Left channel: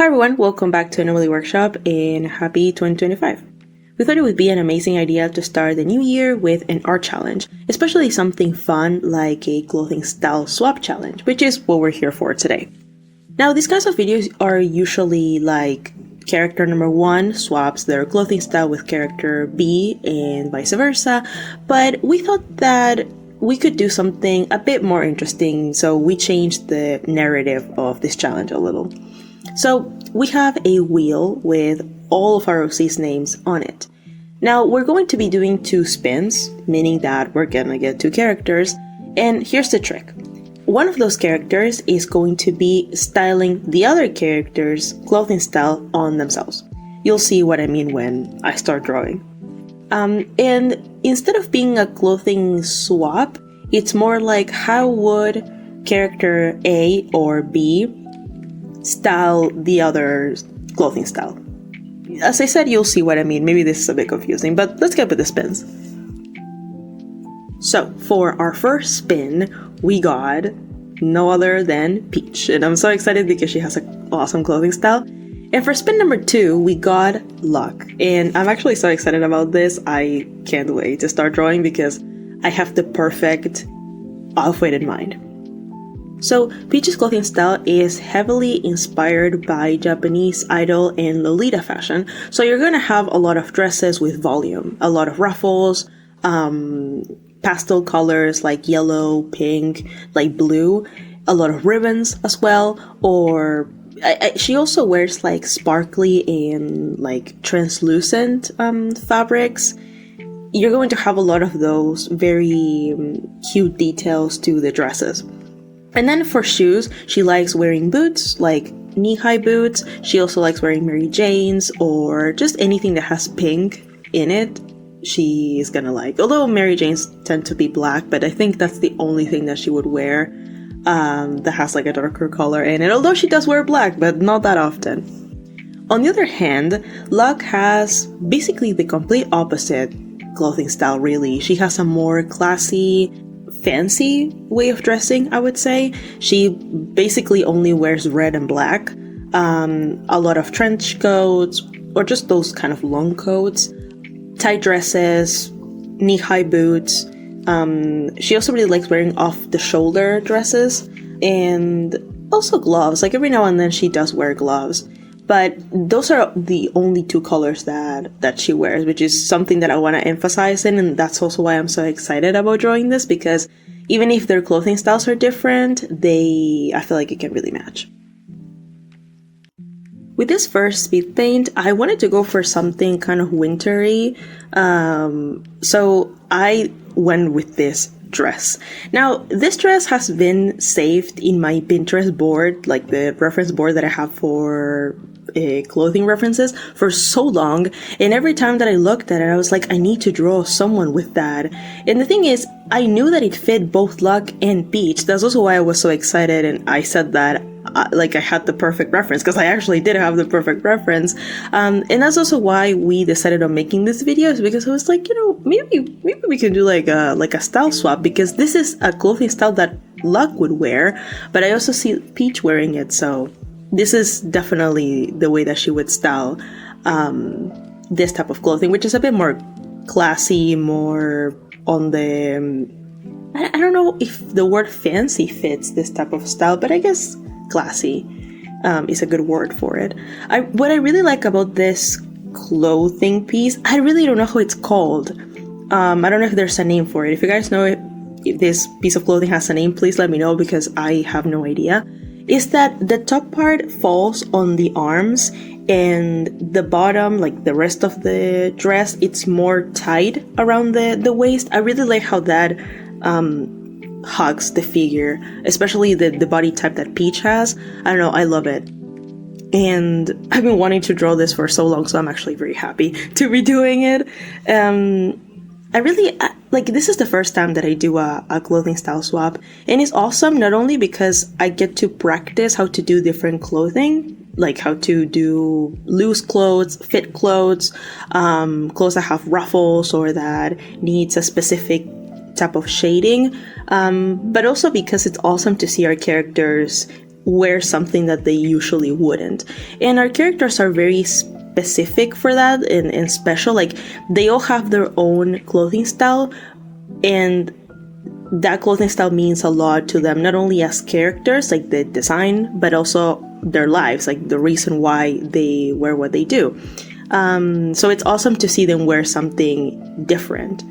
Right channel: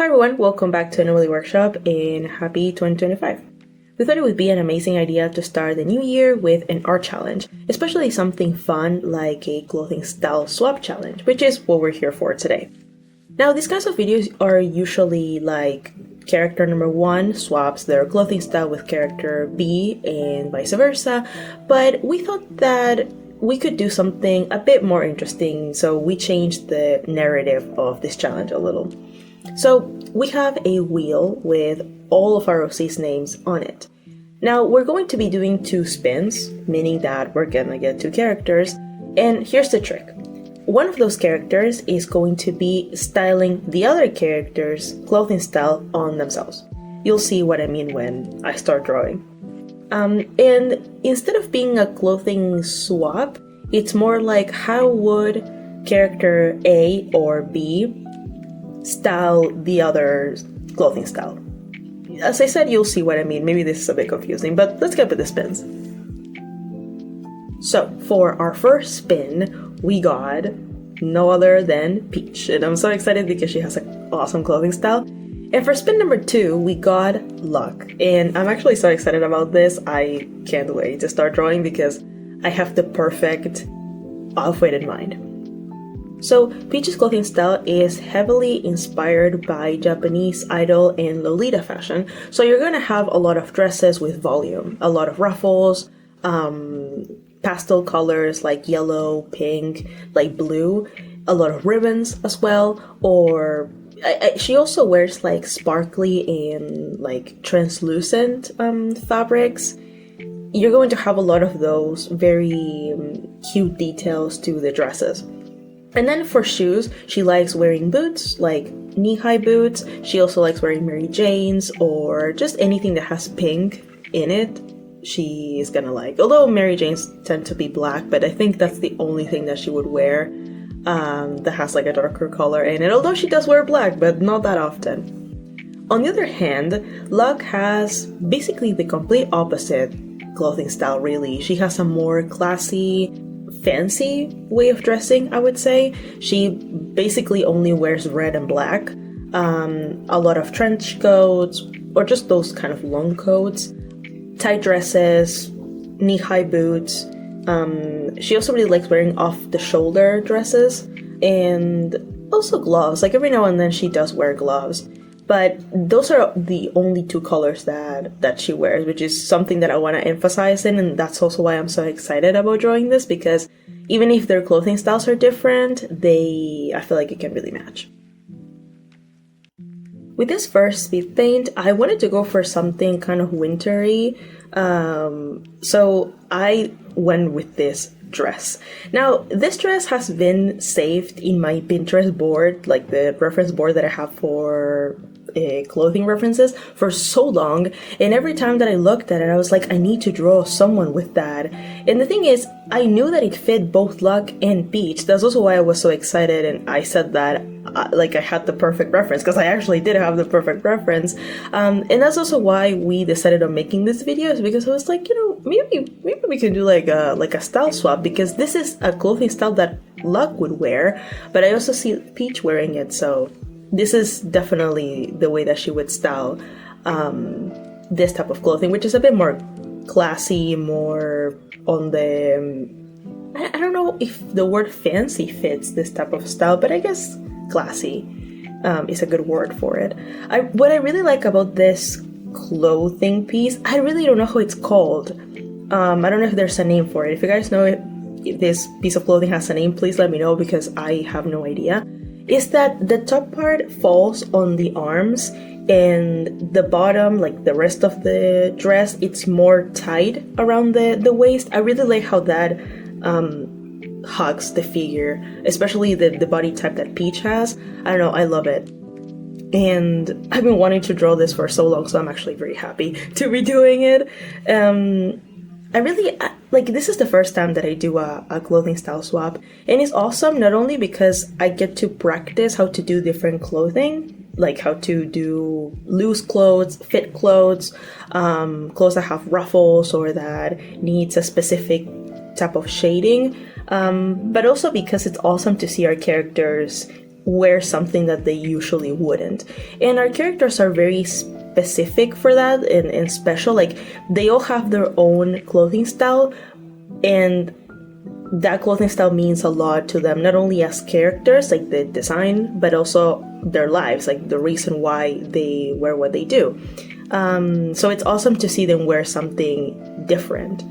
Hi everyone, welcome back to Anomaly Workshop and happy 2025. We thought it would be an amazing idea to start the new year with an art challenge, especially something fun like a clothing style swap challenge, which is what we're here for today. Now, these kinds of videos are usually like character number 1 swaps their clothing style with character B and vice versa, but we thought that we could do something a bit more interesting, so we changed the narrative of this challenge a little. So we have a wheel with all of our OC's names on it. Now we're going to be doing 2 spins, meaning that we're gonna get 2 characters, and here's the trick. One of those characters is going to be styling the other character's clothing style on themselves. You'll see what I mean when I start drawing. And instead of being a clothing swap, it's more like how would character A or B style the other clothing style. As I said, you'll see what I mean. Maybe this is a bit confusing, but let's get with the spins. So for our first spin, we got no other than Peach, and I'm so excited because she has an awesome clothing style. And for spin number 2, we got Luck, and I'm actually so excited about this. I can't wait to start drawing because I have the perfect outfit in mind. So Peach's clothing style is heavily inspired by Japanese idol and Lolita fashion, so you're going to have a lot of dresses with volume, a lot of ruffles, pastel colors like yellow, pink, light blue, a lot of ribbons as well, or she also wears like sparkly and like translucent fabrics. You're going to have a lot of those very cute details to the dresses. And then for shoes, she likes wearing boots, like knee-high boots. She also likes wearing Mary Janes or just anything that has pink in it. She is gonna like. Although Mary Janes tend to be black, but I think that's the only thing that she would wear that has like a darker color in it. Although she does wear black, but not that often. On the other hand, Luck has basically the complete opposite clothing style, really. She has a more classy, fancy way of dressing, I would say. She basically only wears red and black, a lot of trench coats or just those kind of long coats, tight dresses, knee-high boots. She also really likes wearing off-the-shoulder dresses and also gloves. Like every now and then she does wear gloves, but those are the only 2 colors that she wears, which is something that I want to emphasize in, and that's also why I'm so excited about drawing this, because even if their clothing styles are different, I feel like it can really match. With this first speed paint, I wanted to go for something kind of wintry, so I went with this dress. Now, this dress has been saved in my Pinterest board, like the reference board that I have for clothing references, for so long, and every time that I looked at it, I was like, I need to draw someone with that. And the thing is, I knew that it fit both Luck and Peach. That's also why I was so excited, and I said that like I had the perfect reference, because I actually did have the perfect reference, and that's also why we decided on making this video, is because I was like, maybe we can do like a style swap, because this is a clothing style that Luck would wear, but I also see Peach wearing it, so this is definitely the way that she would style this type of clothing, which is a bit more classy, more on the I don't know if the word fancy fits this type of style, but I guess classy is a good word for it. What I really like about this clothing piece, I really don't know how it's called. I don't know if there's a name for it. If you guys know if this piece of clothing has a name, please let me know, because I have no idea. Is that the top part falls on the arms, and the bottom, like the rest of the dress, it's more tight around the waist. I really like how that hugs the figure, especially the body type that Peach has. I don't know, I love it. And I've been wanting to draw this for so long, so I'm actually very happy to be doing it. I really, like, this is the first time that I do a clothing style swap, and it's awesome not only because I get to practice how to do different clothing, like how to do loose clothes, fit clothes, clothes that have ruffles or that needs a specific type of shading, but also because it's awesome to see our characters wear something that they usually wouldn't. And our characters are very specific for that and special. Like, they all have their own clothing style, and that clothing style means a lot to them, not only as characters, like the design, but also their lives, like the reason why they wear what they do. So it's awesome to see them wear something different.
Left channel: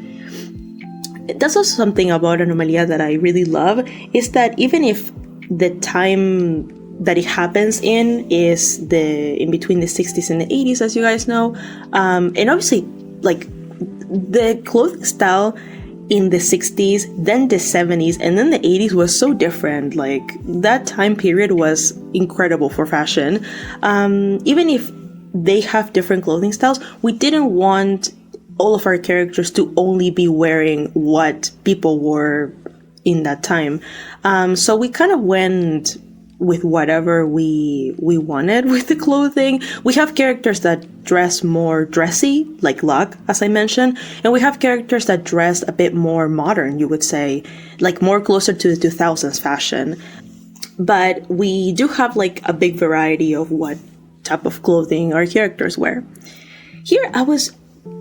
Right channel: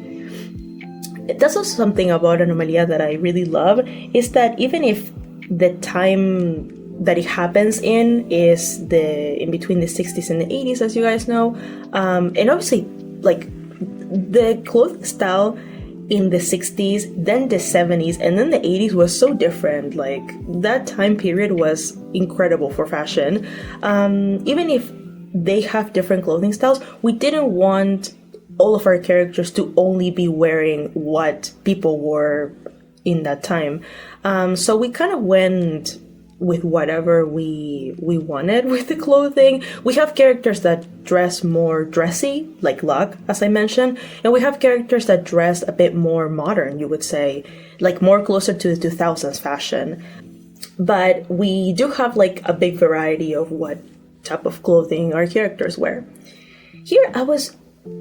That's also something about Anomalia that I really love, is that even if the time that it happens in is in between the 60s and the 80s, as you guys know, and obviously, like, the clothing style in the 60s, then the 70s, and then the 80s was so different. Like, that time period was incredible for fashion. Even if they have different clothing styles, we didn't want all of our characters to only be wearing what people wore in that time. So we kind of went with whatever we wanted with the clothing. We have characters that dress more dressy, like Luck, as I mentioned, and we have characters that dress a bit more modern, you would say, like more closer to the 2000s fashion. But we do have like a big variety of what type of clothing our characters wear. Here I was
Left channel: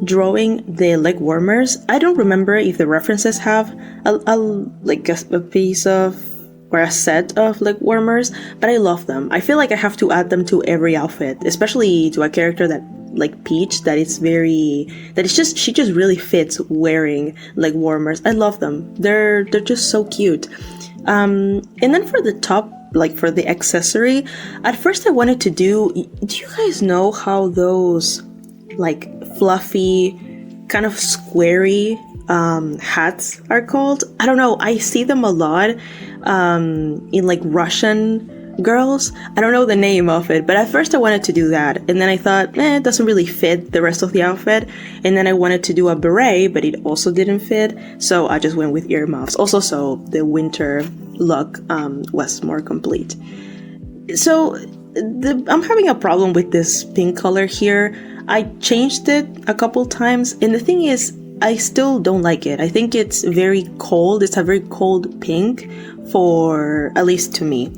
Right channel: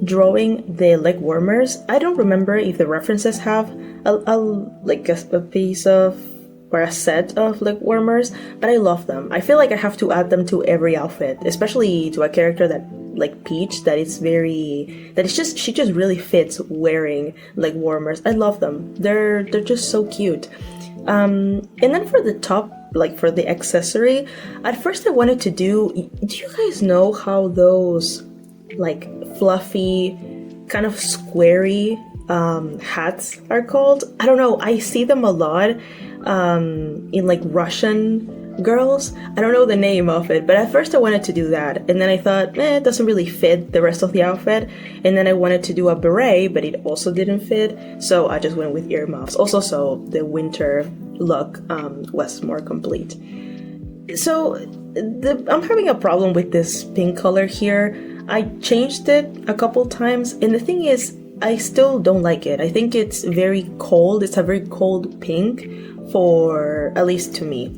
drawing the leg warmers. I don't remember if the references have a piece of or a set of leg warmers, but I love them. I feel like I have to add them to every outfit, especially to a character that like Peach, she just really fits wearing leg warmers. I love them. They're just so cute. And then for the top, like for the accessory, at first I wanted to do you guys know how those like fluffy, kind of squarey hats are called? I don't know. I see them a lot in like Russian girls. I don't know the name of it, but at first I wanted to do that, and then I thought, it doesn't really fit the rest of the outfit. And then I wanted to do a beret, but it also didn't fit, so I just went with earmuffs. Also, so the winter look was more complete. So I'm having a problem with this pink color here. I changed it a couple times, and the thing is, I still don't like it. I think it's very cold. It's a very cold pink, for at least to me,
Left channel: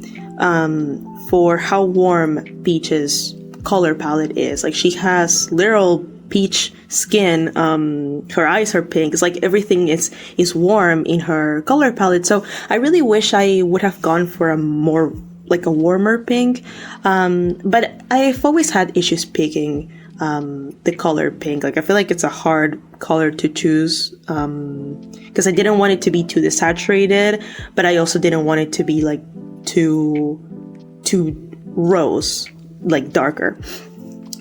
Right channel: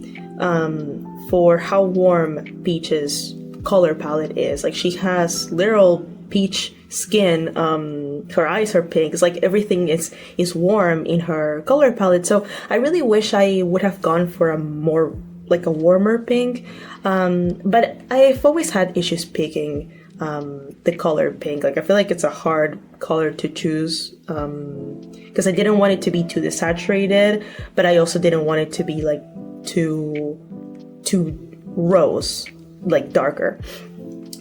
for how warm Peach's color palette is. Like, she has literal peach skin. Her eyes are pink. It's like everything is warm in her color palette. So I really wish I would have gone for a more like a warmer pink. But I've always had issues picking the color pink. Like, I feel like it's a hard color to choose, because I didn't want it to be too desaturated, but I also didn't want it to be like too rose, like darker.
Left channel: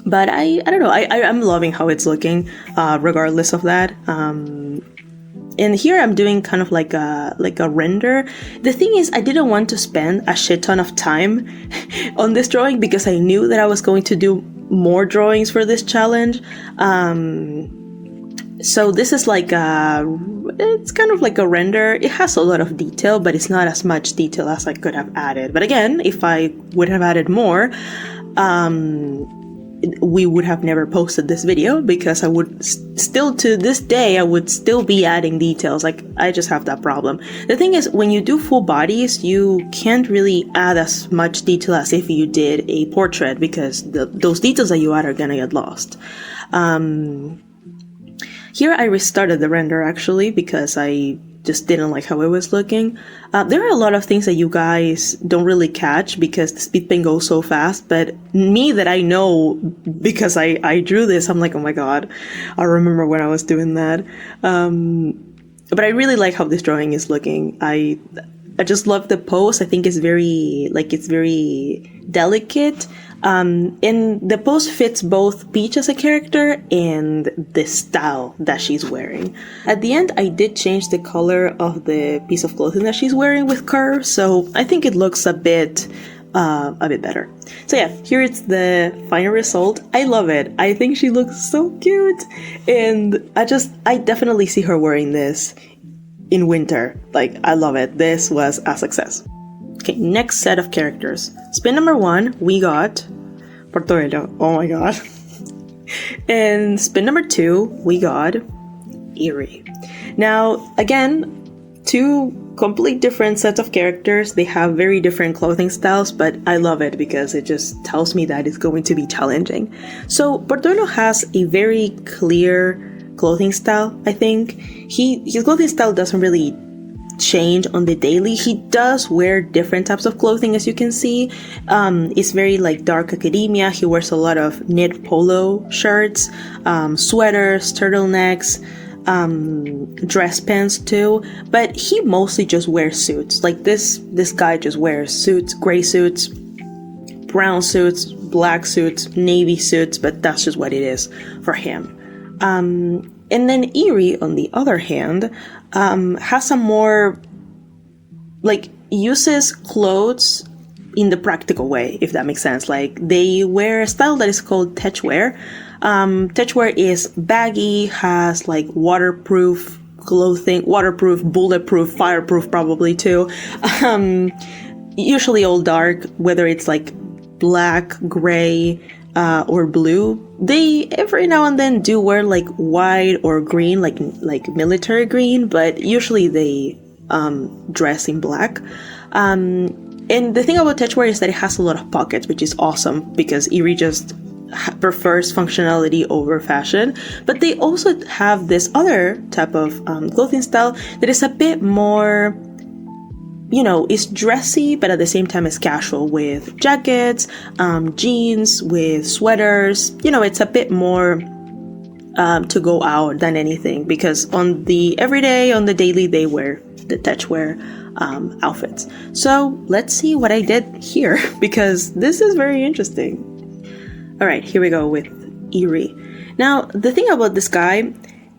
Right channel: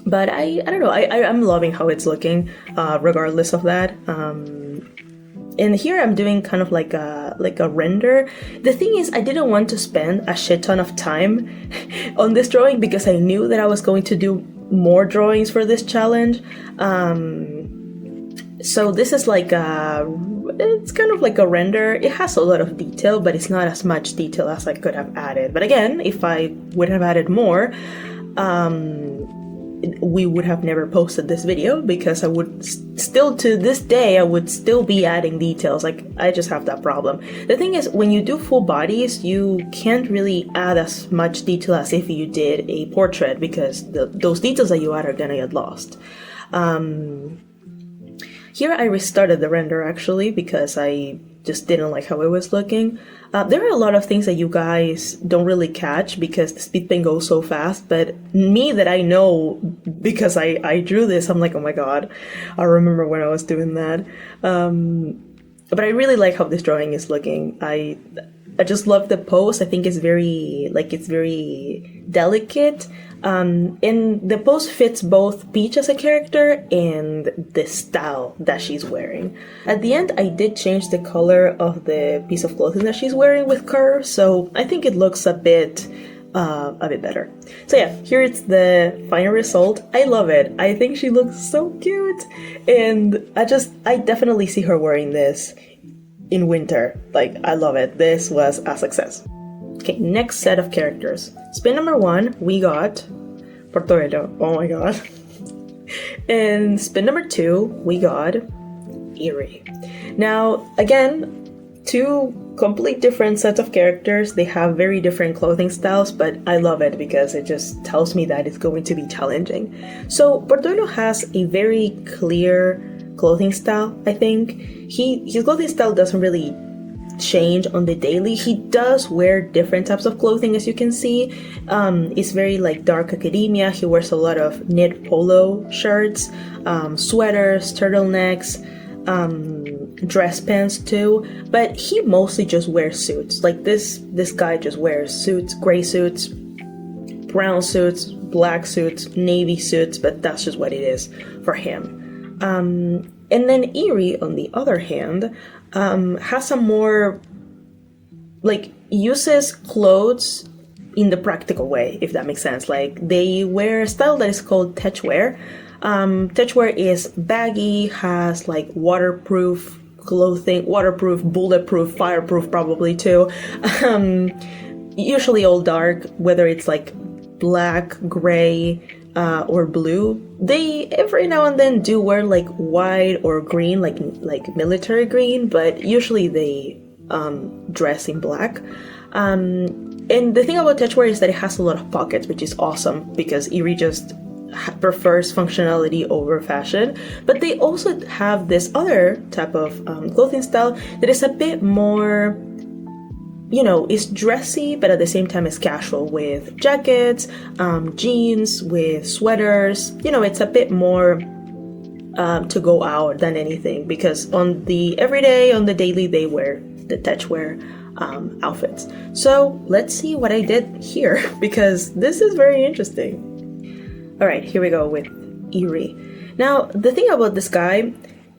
But I don't know, I'm loving how it's looking, regardless of that. And here I'm doing kind of like a render. The thing is, I didn't want to spend a shit ton of time on this drawing, because I knew that I was going to do more drawings for this challenge. So this is like it's kind of like a render. It has a lot of detail, but it's not as much detail as I could have added. But again, if I would have added more, we would have never posted this video, because I would still, to this day, I would still be adding details. Like, I just have that problem. The thing is, when you do full bodies, you can't really add as much detail as if you did a portrait, because those details that you add are gonna get lost. Here I restarted the render, actually, because I just didn't like how it was looking. There are a lot of things that you guys don't really catch because the speed paint goes so fast, but me that I know because I drew this, I'm like, oh my god, I remember when I was doing that. But I really like how this drawing is looking. I just love the pose. I think it's very delicate. And the pose fits both Peach as a character and the style that she's wearing. At the end, I did change the color of the piece of clothing that she's wearing with curves, so I think it looks a bit better. So yeah, here it's the final result. I love it. I think she looks so cute, and I definitely see her wearing this in winter. Like, I love it. This was a success. Okay, next set of characters. Spin number 1, we got Portobello. Oh my god. And spin number 2, we got Eerie. Now, again, two complete different sets of characters. They have very different clothing styles, but I love it because it just tells me that it's going to be challenging. So Portoilo has a very clear clothing style, I think. His clothing style doesn't really change on the daily. He does wear different types of clothing, as you can see. It's very like dark academia. He wears a lot of knit polo shirts, sweaters, turtlenecks, dress pants too, but he mostly just wears suits. Like this guy just wears suits, gray suits, brown suits, black suits, navy suits, but that's just what it is for him. And then Eerie, on the other hand, has some more, like, uses clothes in the practical way, if that makes sense. Like, they wear a style that is called techwear. Techwear is baggy, has like waterproof clothing, waterproof, bulletproof, fireproof probably too. Usually all dark, whether it's like black, gray, or blue. They every now and then do wear like white or green, like military green, but usually they dress in black. And the thing about techwear is that it has a lot of pockets, which is awesome because Eerie just prefers functionality over fashion. But they also have this other type of clothing style that is a bit more, you know, it's dressy, but at the same time it's casual, with jackets, jeans, with sweaters. You know, it's a bit more to go out than anything, because on the everyday, on the daily, they wear the techwear outfits. So let's see what I did here, because this is very interesting. All right, here we go with Eerie. Now, the thing about this guy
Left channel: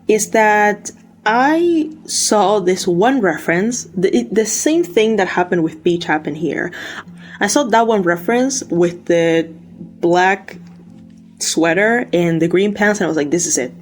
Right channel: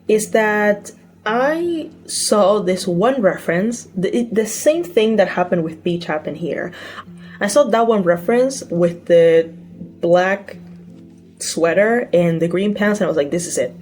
is that I saw this one reference, the same thing that happened with Peach happened here. I saw that one reference with the black sweater and the green pants, and I was like, this is it.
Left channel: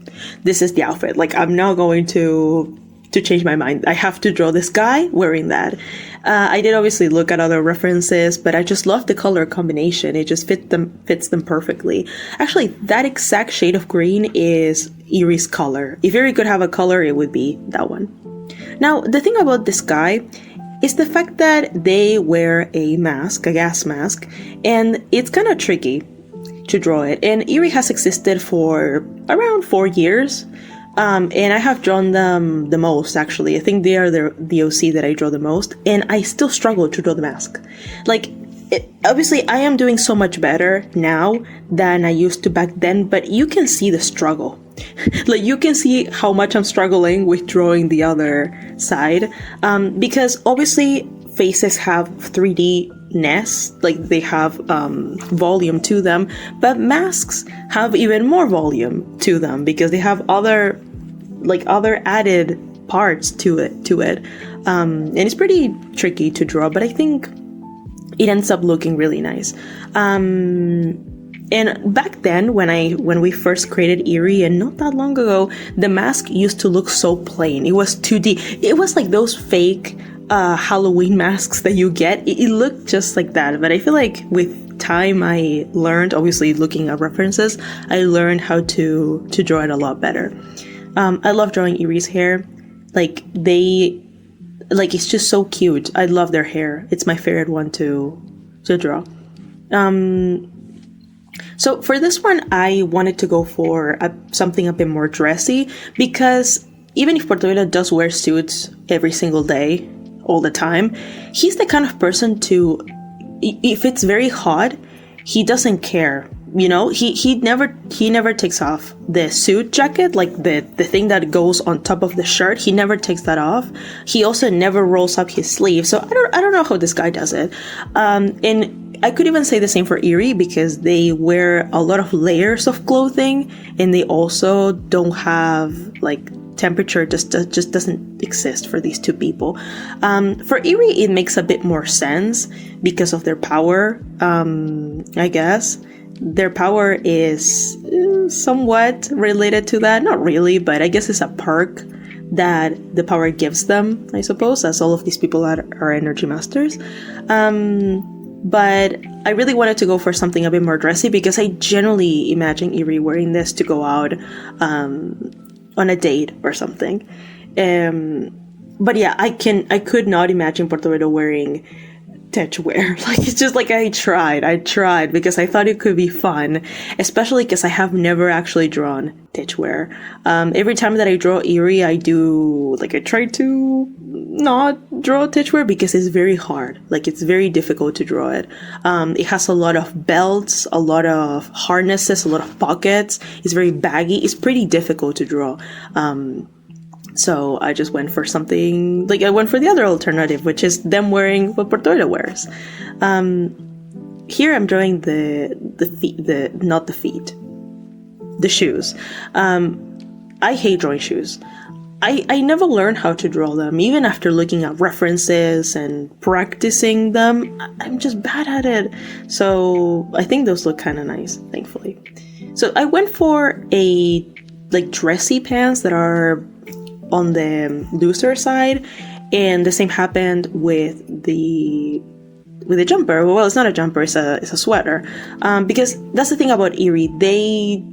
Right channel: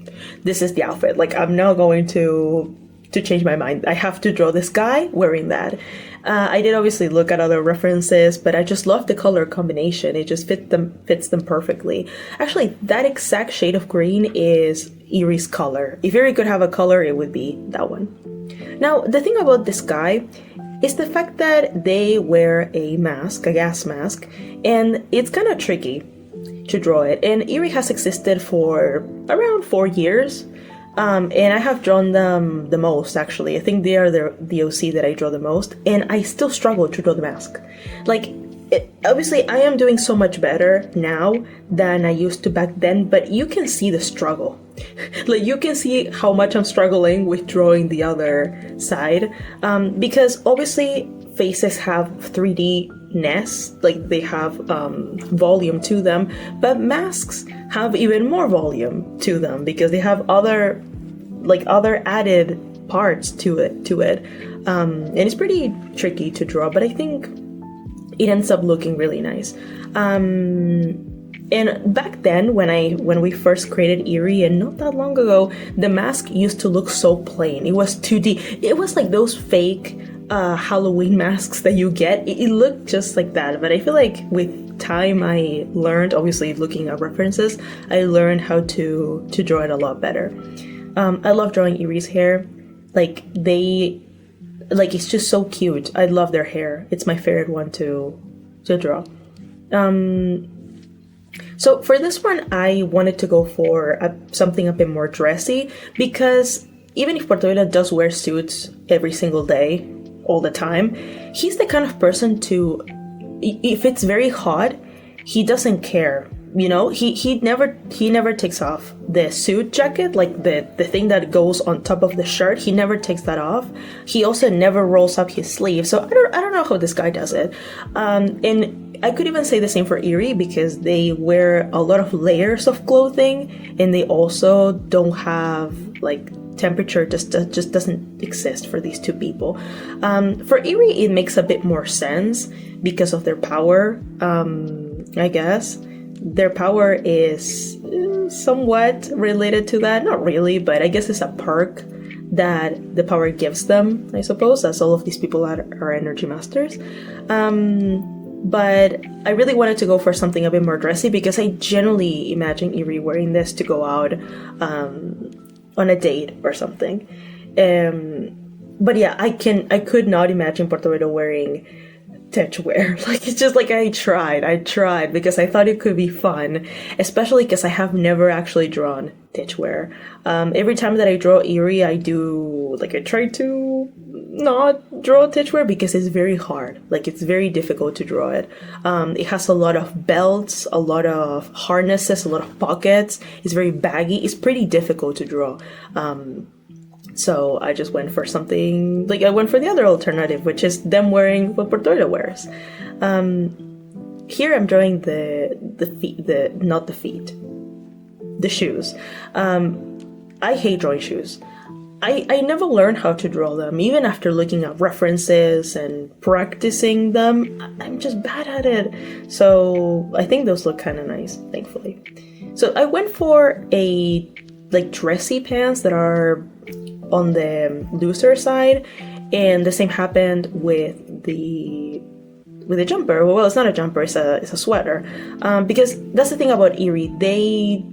This is the outfit. Like, I'm not going to change my mind. I have to draw this guy wearing that. I did obviously look at other references, but I just love the color combination. It just fits them perfectly. Actually, that exact shade of green is Eerie's color. If Eerie could have a color, it would be that one. Now, the thing about this guy is the fact that they wear a mask, a gas mask, and it's kind of tricky to draw it. And Eerie has existed for around 4 years. And I have drawn them the most, actually. I think they are the OC that I draw the most, and I still struggle to draw the mask. Like, obviously, I am doing so much better now than I used to back then, but you can see the struggle. Like, you can see how much I'm struggling with drawing the other side, because obviously faces have 3D-ness, like they have volume to them, but masks have even more volume to them because they have other added parts to it. And it's pretty tricky to draw, but I think it ends up looking really nice. And back then, when we first created Eerie, and not that long ago, the mask used to look so plain. It was 2D. It was like those fake Halloween masks that you get. It looked just like that. But I feel like with time, I learned, obviously looking at references, I learned how to draw it a lot better. I love drawing Eerie's hair. Like, it's just so cute. I love their hair. It's my favorite one to draw. So for this one, I wanted to go for something a bit more dressy, because even if Portoilo does wear suits every single day, all the time, he's the kind of person to, if it's very hot, he doesn't care. You know, he never takes off the suit jacket, like the thing that goes on top of the shirt. He never takes that off. He also never rolls up his sleeve. So I don't know how this guy does it. And I could even say the same for Eerie, because they wear a lot of layers of clothing, and they also don't have, like, temperature just doesn't exist for these two people. For Eerie, it makes a bit more sense because of their power, I guess. Their power is somewhat related to that. Not really, but I guess it's a perk that the power gives them, I suppose, as all of these people are energy masters. But I really wanted to go for something a bit more dressy, because I generally imagine Eerie wearing this to go out on a date or something. But yeah, I could not imagine Puerto Rico wearing tech wear. Like, it's just like I tried because I thought it could be fun, especially because I have never actually drawn tech wear. Every time that I draw Eerie, I try to not draw tech wear because it's very hard. Like, it's very difficult to draw it. It has a lot of belts, a lot of harnesses, a lot of pockets. It's very baggy. It's pretty difficult to draw. So I just went for something, like I went for the other alternative, which is them wearing what Puerto Rico wears. Here I'm drawing the shoes. I hate drawing shoes. I never learned how to draw them, even after looking at references and practicing them. I'm just bad at it. So I think those look kind of nice, thankfully. So I went for a dressy pants that are on the looser side, and the same happened with the jumper. Well, it's not a jumper, it's a sweater, because that's the thing about Eerie. They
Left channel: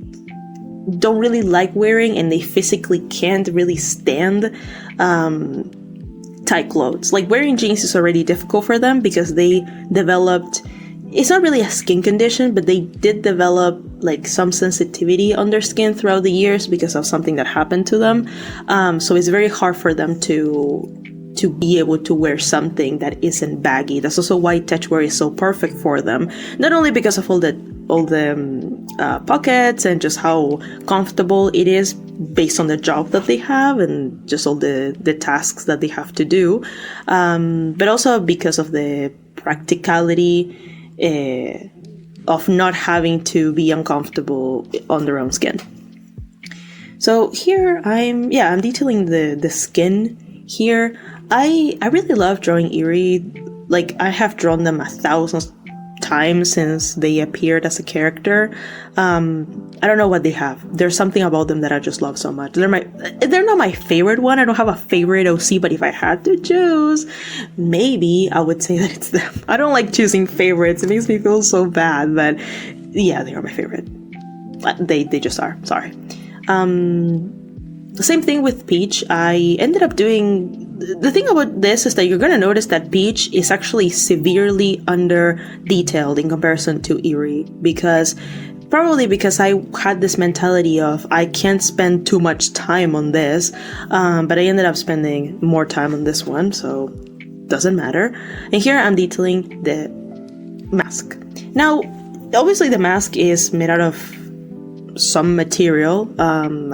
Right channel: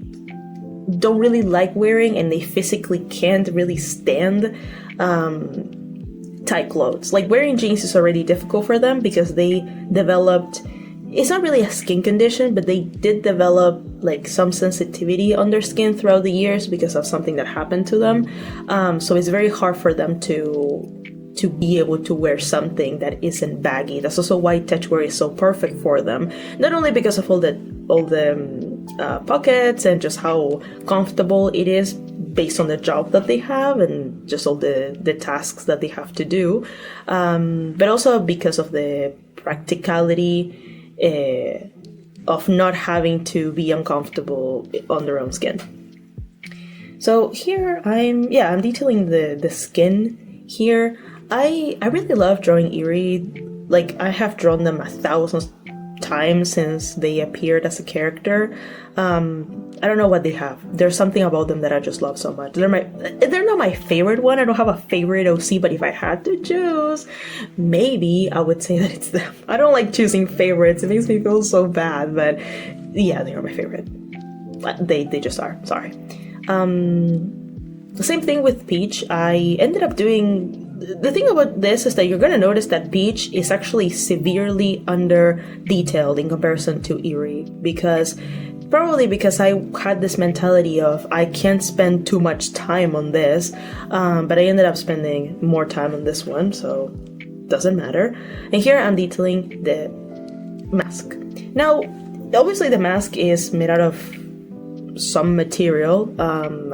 don't really like wearing, and they physically can't really stand tight clothes. Like, wearing jeans is already difficult for them because they developed, it's not really a skin condition, but they did develop like some sensitivity on their skin throughout the years because of something that happened to them. So it's very hard for them to be able to wear something that isn't baggy. That's also why techwear is so perfect for them. Not only because of all the pockets and just how comfortable it is based on the job that they have and just all the tasks that they have to do, but also because of the practicality of not having to be uncomfortable on their own skin. So here I'm detailing the skin here. I really love drawing Eerie. Like, I have drawn them 1,000 times since they appeared as a character. I don't know what they have. There's something about them that I just love so much. They're not my favorite one. I don't have a favorite OC, but if I had to choose, maybe I would say that it's them. I don't like choosing favorites. It makes me feel so bad, but yeah, they are my favorite. They just are. Sorry. The same thing with Peach. I ended up doing... The thing about this is that you're going to notice that Peach is actually severely under-detailed in comparison to Eerie, probably because I had this mentality of I can't spend too much time on this, but I ended up spending more time on this one, so doesn't matter. And here I'm detailing the mask. Now, obviously the mask is made out of some material,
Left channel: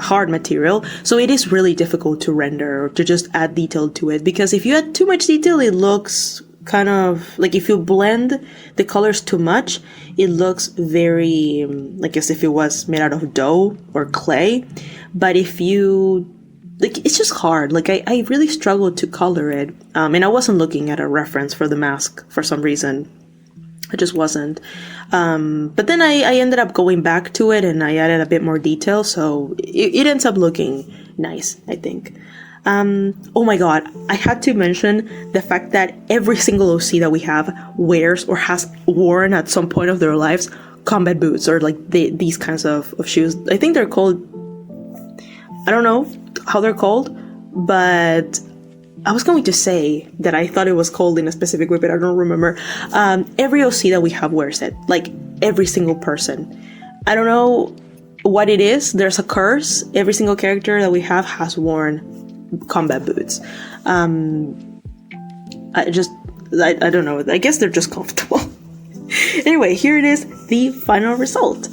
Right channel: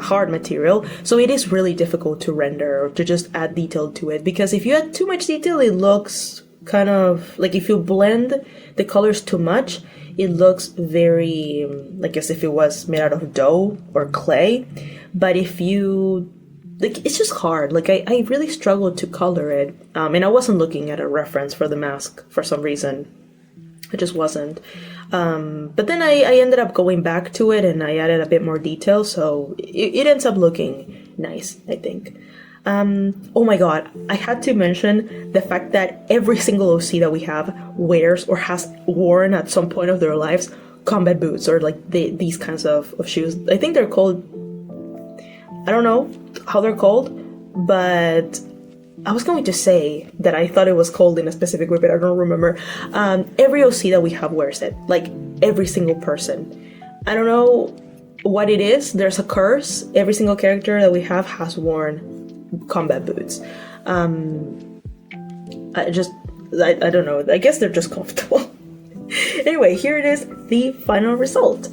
hard material, so it is really difficult to render or to just add detail to it, because if you add too much detail, it looks kind of like, if you blend the colors too much, it looks very like as if it was made out of dough or clay. But if you it's just hard. Like, I really struggled to color it, and I wasn't looking at a reference for the mask for some reason. I just wasn't. But then I ended up going back to it and I added a bit more detail, so it ends up looking nice, I think. Oh my god, I had to mention the fact that every single OC that we have wears or has worn at some point of their lives combat boots, or like these kinds of shoes. I think they're called, I don't know how they're called, but I was going to say that I thought it was called in a specific way, but I don't remember. Every OC that we have wears it, like every single person. I don't know what it is. There's a curse. Every single character that we have has worn combat boots. I don't know. I guess they're just comfortable. Anyway, here it is, the final result.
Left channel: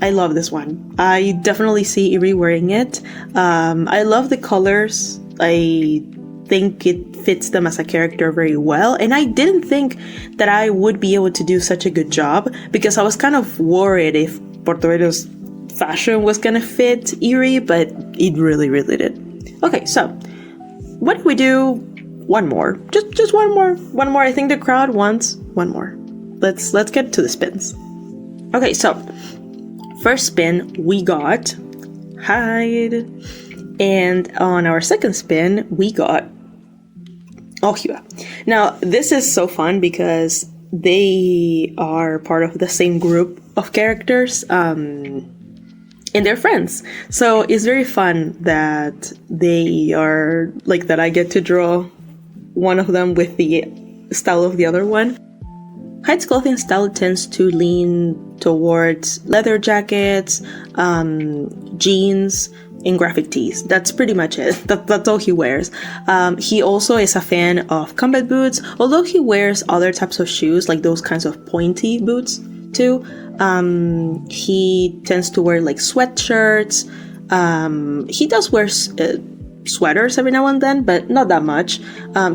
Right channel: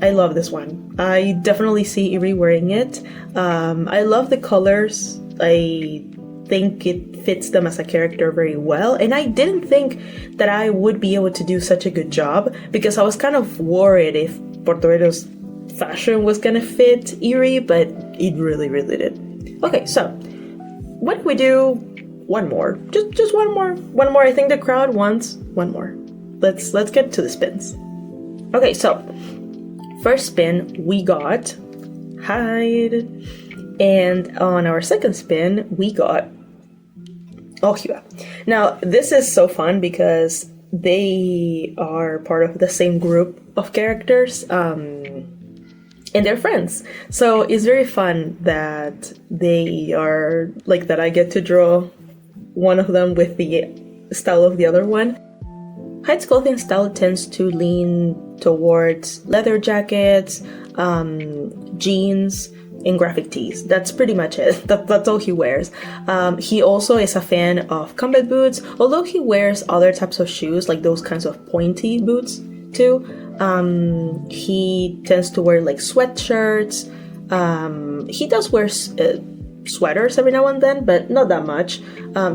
I love this one. I definitely see Eerie wearing it. I love the colors. I think it fits them as a character very well, and I didn't think that I would be able to do such a good job, because I was kind of worried if Puerto Rico's fashion was gonna fit Eerie, but it really, really did. Okay, so what do we do? One more, just one more. I think the crowd wants one more. Let's get to the spins. Okay, so first spin we got hide. And on our second spin, we got Ohua. Now, this is so fun because they are part of the same group of characters. And and they're friends. So it's very fun that they are like that. I get to draw one of them with the style of the other one. Hyde's clothing style tends to lean towards leather jackets, jeans, and graphic tees. That's pretty much it. That's all he wears. He also is a fan of combat boots, although he wears other types of shoes, like those kinds of pointy boots too. He tends to wear like sweatshirts. He does wear sweaters every now and then, but not that much.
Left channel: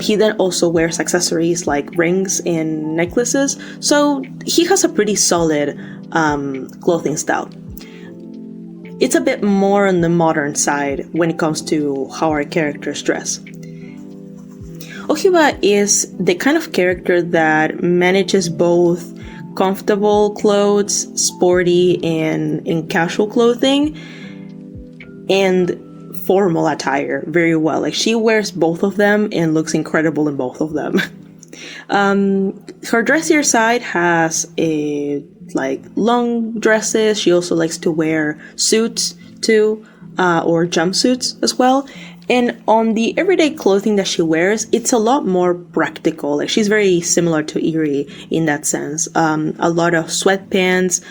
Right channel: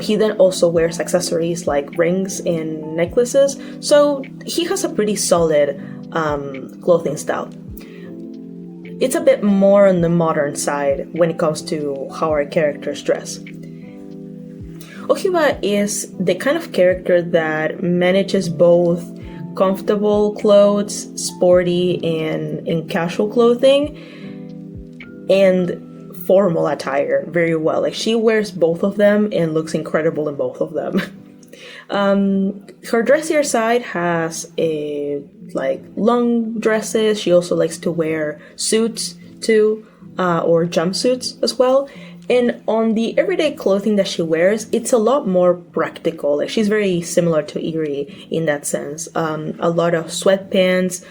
He then also wears accessories like rings and necklaces, so he has a pretty solid clothing style. It's a bit more on the modern side when it comes to how our characters dress. Ohiba is the kind of character that manages both comfortable clothes, sporty and casual clothing, and formal attire very well. Like, she wears both of them and looks incredible in both of them. Her dressier side has long dresses. She also likes to wear suits too, or jumpsuits as well. And on the everyday clothing that she wears, it's a lot more practical. Like, she's very similar to Eerie in that sense. A lot of sweatpants,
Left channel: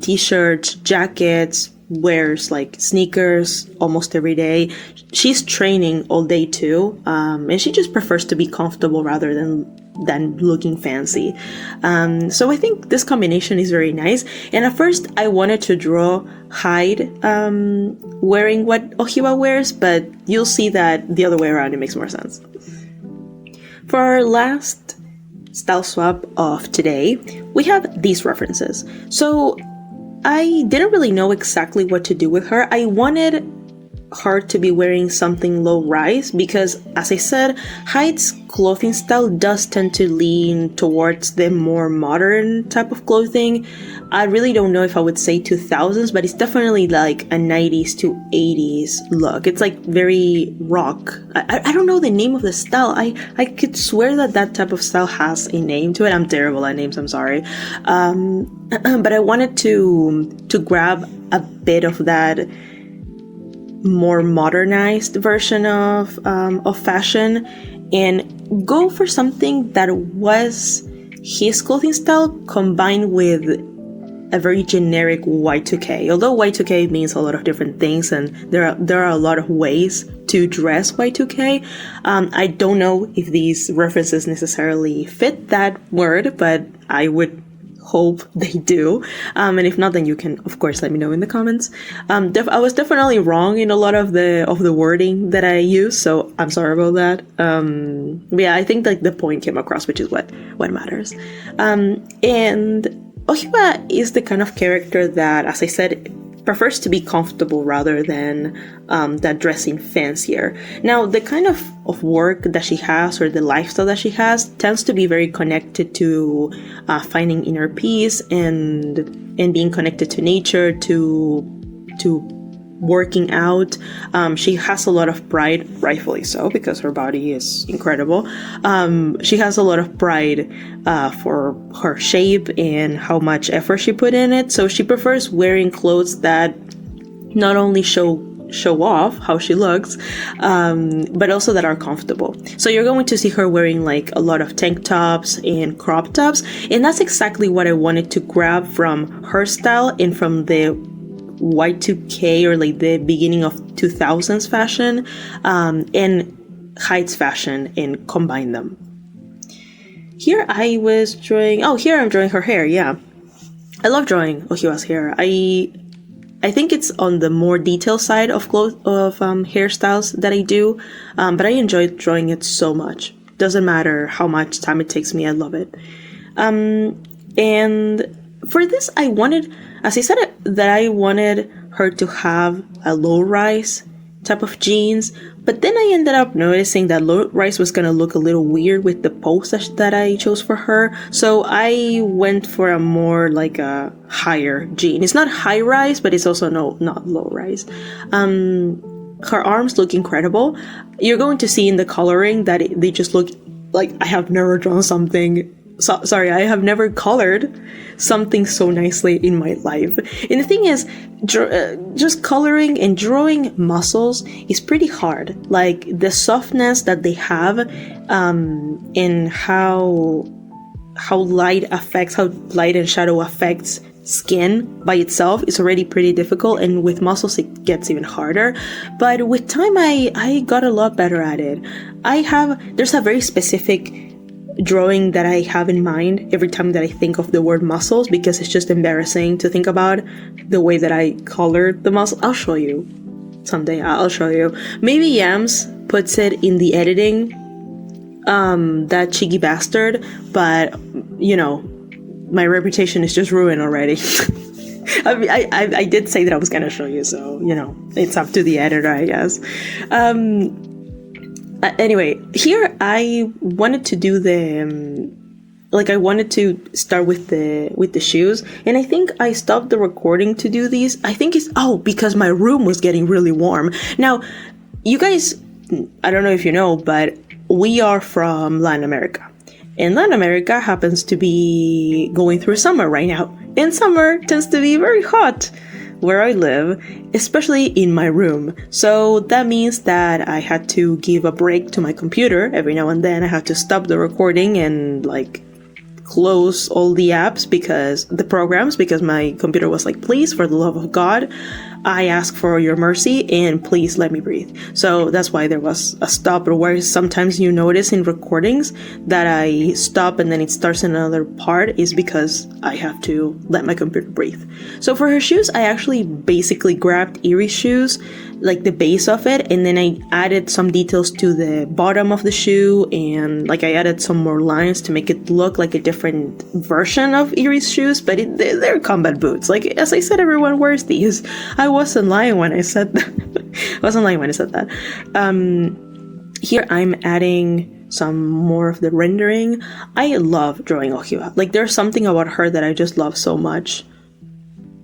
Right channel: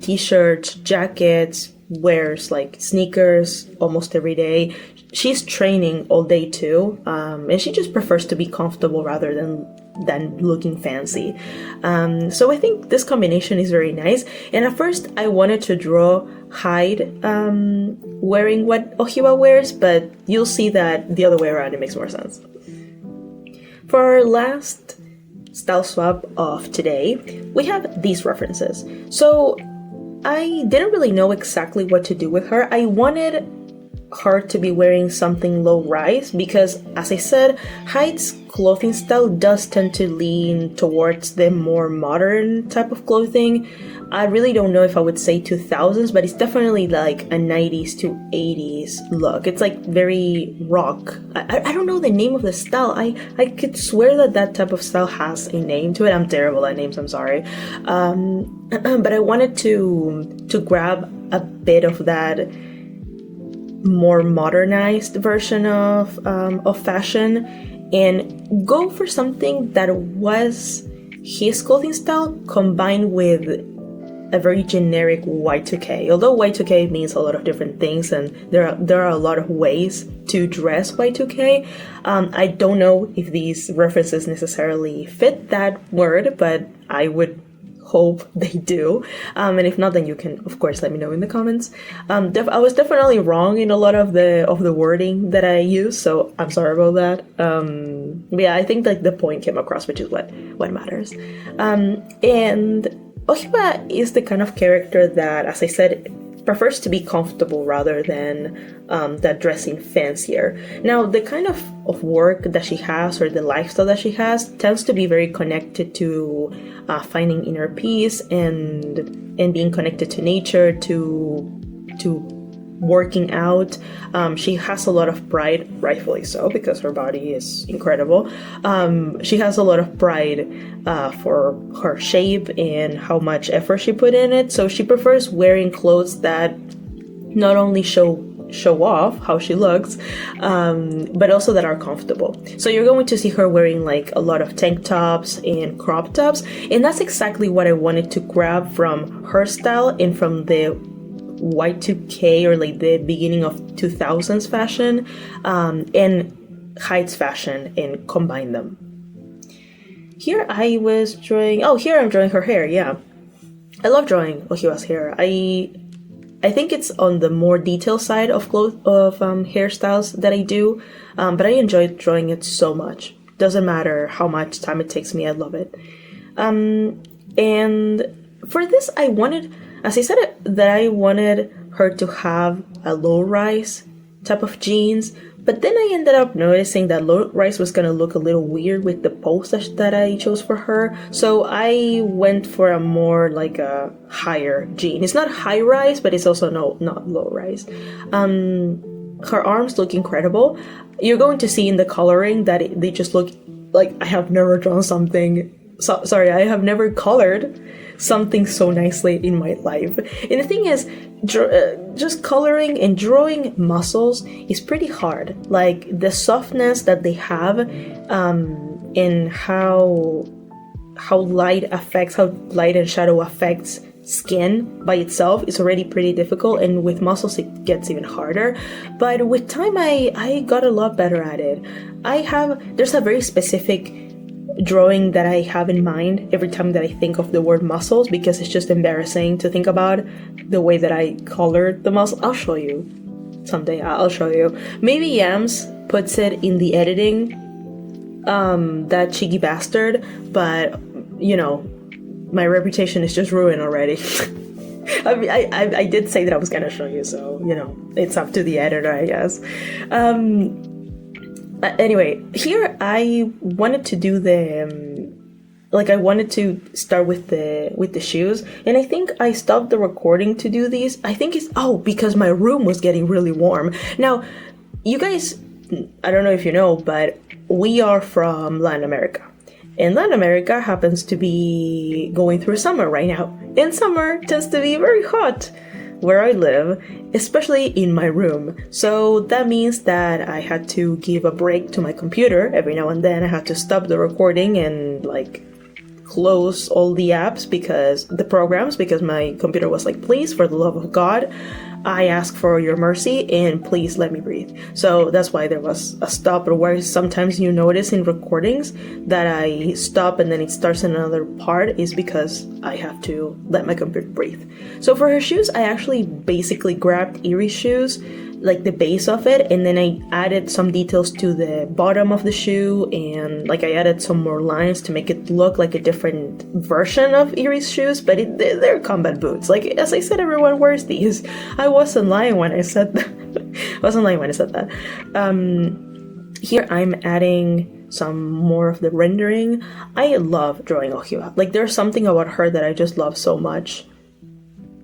t-shirts, jackets, wears like sneakers almost every day. She's training all day too, and she just prefers to be comfortable rather than looking fancy. So I think this combination is very nice. And at first I wanted to draw Hyde wearing what Ohiba wears, but you'll see that the other way around, it makes more sense. For our last style swap of today, we have these references. So I didn't really know exactly what to do with her. I wanted her to be wearing something low rise because, as I said, Hyde's clothing style does tend to lean towards the more modern type of clothing. I really don't know if I would say 2000s, but it's definitely like a 90s to 80s look. It's like very rock. I don't know the name of the style. I could swear that type of style has a name to it. I'm terrible at names, I'm sorry. But I wanted to grab a bit of that more modernized version of fashion and go for something that was his clothing style combined with a very generic Y2K. Although Y2K means a lot of different things and there are a lot of ways to dress Y2K. I don't know if these references necessarily fit that word, but I would hope they do. And if not, then you can of course let me know in the comments. I was definitely wrong in a lot of the wording that I use, so I'm sorry about that. But yeah, I think like the point came across, which is what matters. And Ohiba is the kind of character that, as I said, prefers to be comfortable rather than that dressing fancier. Now, the kind of work that she has or the lifestyle that she has tends to be very connected to finding inner peace and being connected to nature, to working out. She has a lot of pride, rightfully so, because her body is incredible. She has a lot of pride for her shape and how much effort she put in it. So she prefers wearing clothes that not only show off how she looks, but also that are comfortable. So you're going to see her wearing like a lot of tank tops and crop tops, and that's exactly what I wanted to grab from her style and from the Y2K or like the beginning of 2000s fashion and Hyde's fashion and combine them. Here I was drawing, here I'm drawing her hair. Yeah, I love drawing Ohiba's hair. I think it's on the more detailed side of hairstyles that I do, but I enjoy drawing it so much. Doesn't matter how much time it takes me, I love it. And for this, I wanted, as I said, that I wanted her to have a low-rise type of jeans, but then I ended up noticing that low-rise was going to look a little weird with the pose that I chose for her, so I went for a more like a higher jean. It's not high-rise, but it's also not low-rise. Her arms look incredible. You're going to see in the coloring that they just look like I have never drawn something sorry, I have never colored something so nicely in my life. And the thing is, just coloring and drawing muscles is pretty hard. Like the softness that they have, and how light and shadow affects skin by itself is already pretty difficult, and with muscles it gets even harder. But with time I got a lot better at it. There's a very specific drawing that I have in mind every time that I think of the word muscles, because it's just embarrassing to think about the way that I colored the muscle. I'll show you someday. I'll show you. Maybe Yams puts it in the editing, that cheeky bastard, but you know, my reputation is just ruined already. I mean, I did say that I was gonna show you, so you know, it's up to the editor, I guess. Anyway, here I wanted to do I wanted to start with the shoes, and I think I stopped the recording to do these. I think it's because my room was getting really warm. Now, you guys, I don't know if you know, but we are from Latin America. And Latin America happens to be going through summer right now. And summer tends to be very hot where I live, especially in my room. So that means that I had to give a break to my computer every now and then. I had to stop the recording and close all the apps, because my computer was like, please, for the love of God, I ask for your mercy and please let me breathe. So that's why there was a stop, or where sometimes you notice in recordings that I stop and then it starts another part, is because I have to let my computer breathe. So for her shoes, I actually basically grabbed Erie's shoes, like the base of it, and then I added some details to the bottom of the shoe, and I added some more lines to make it look like a different version of Erie's shoes, but they're combat boots. As I said, everyone wears these. I wasn't lying when I said that. Here I'm adding some more of the rendering. I love drawing Ohiwa. There's something about her that I just love so much.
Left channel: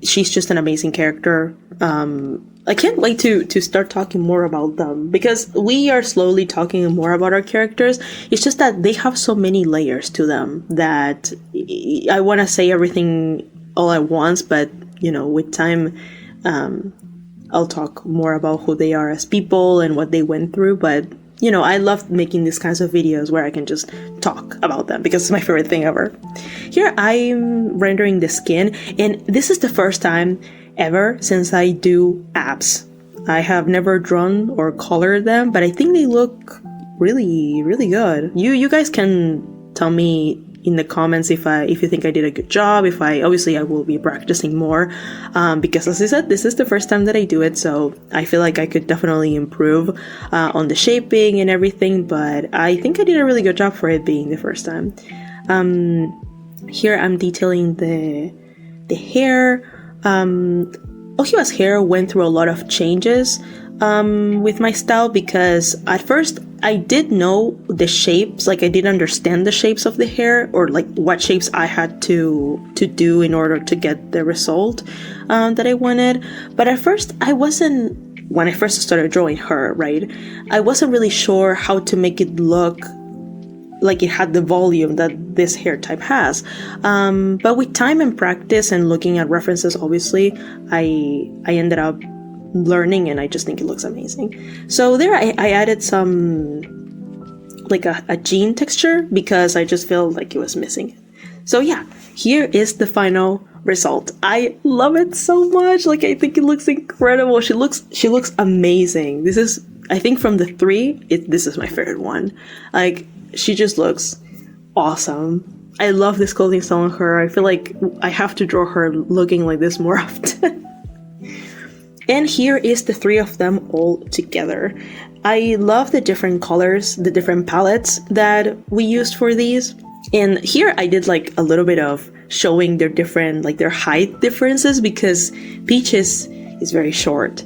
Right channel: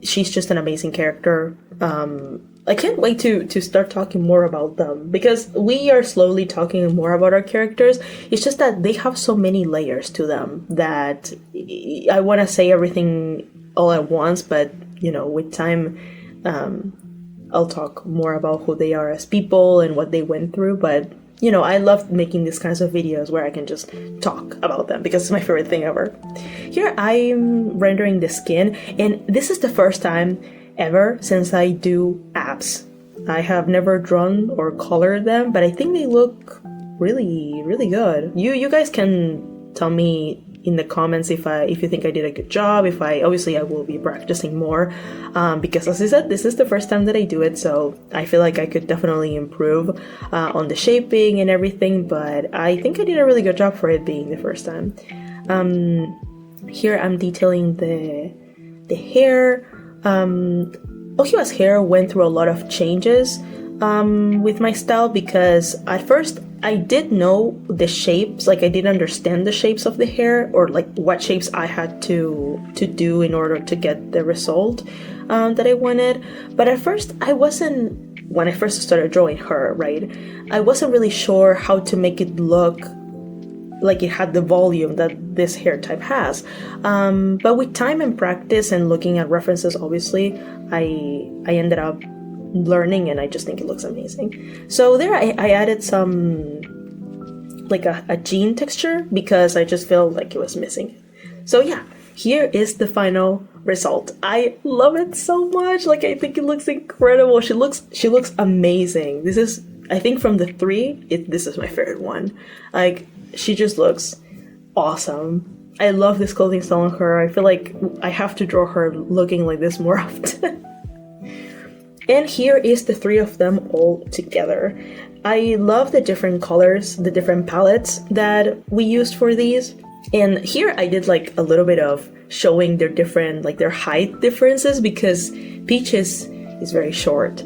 She's just an amazing character. I can't wait to start talking more about them, because we are slowly talking more about our characters. It's just that they have so many layers to them that I want to say everything all at once, but with time, I'll talk more about who they are as people and what they went through. But I love making these kinds of videos where I can just talk about them, because it's my favorite thing ever. Here I'm rendering the skin, and this is the first time ever since I do abs. I have never drawn or colored them, but I think they look really, really good. You guys can tell me in the comments if you think I did a good job. Obviously I will be practicing more, because as I said, this is the first time that I do it, so I feel like I could definitely improve on the shaping and everything, but I think I did a really good job for it being the first time. Here I'm detailing the hair. Ohiwa's hair went through a lot of changes with my style, because at first I did know the shapes, I did understand the shapes of the hair, or what shapes I had to do in order to get the result that I wanted. But at first when I first started drawing her, right, I wasn't really sure how to make it look like it had the volume that this hair type has. But with time and practice and looking at references, obviously, I ended up learning, and I just think it looks amazing. So there I added some a jean texture, because I just feel like it was missing. So yeah, here is the final result. I love it so much. I think it looks incredible. She looks amazing. This is, I think, from the three, this is my favorite one. She just looks awesome. I love this clothing style on her. I feel like I have to draw her looking like this more often. And here is the three of them all together. I love the different colors, the different palettes that we used for these. And here I did a little bit of showing their different, their height differences, because Peach is very short.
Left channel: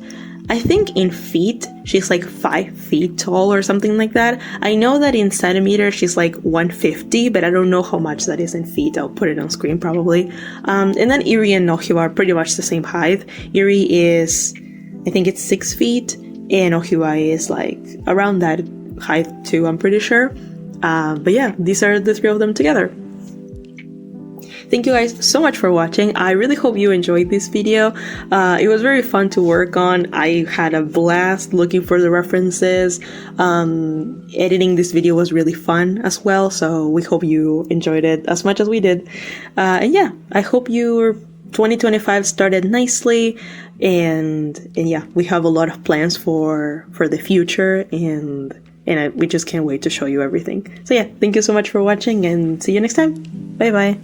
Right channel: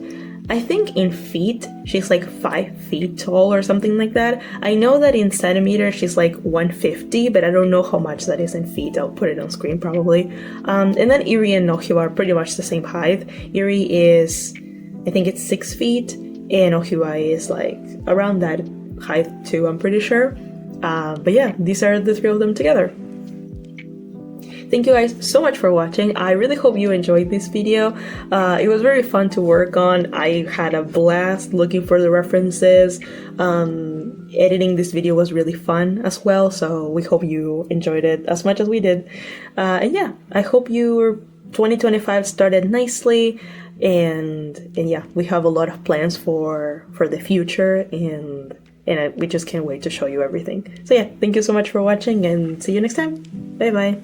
I think in feet, she's 5 feet tall or something like that. I know that in centimeters, she's 150, but I don't know how much that is in feet. I'll put it on screen probably. And then Irie and Ohiwa are pretty much the same height. Irie is, I think it's 6 feet, and Ohiwa is around that height too, I'm pretty sure. But yeah, these are the three of them together. thank you guys so much for watching. I really hope you enjoyed this video. It was very fun to work on. I had a blast looking for the references. Editing this video was really fun as well, so we hope you enjoyed it as much as we did. And yeah, I hope your 2025 started nicely, and yeah, we have a lot of plans for the future, and we just can't wait to show you everything. So yeah, thank you so much for watching, and see you next time. Bye bye.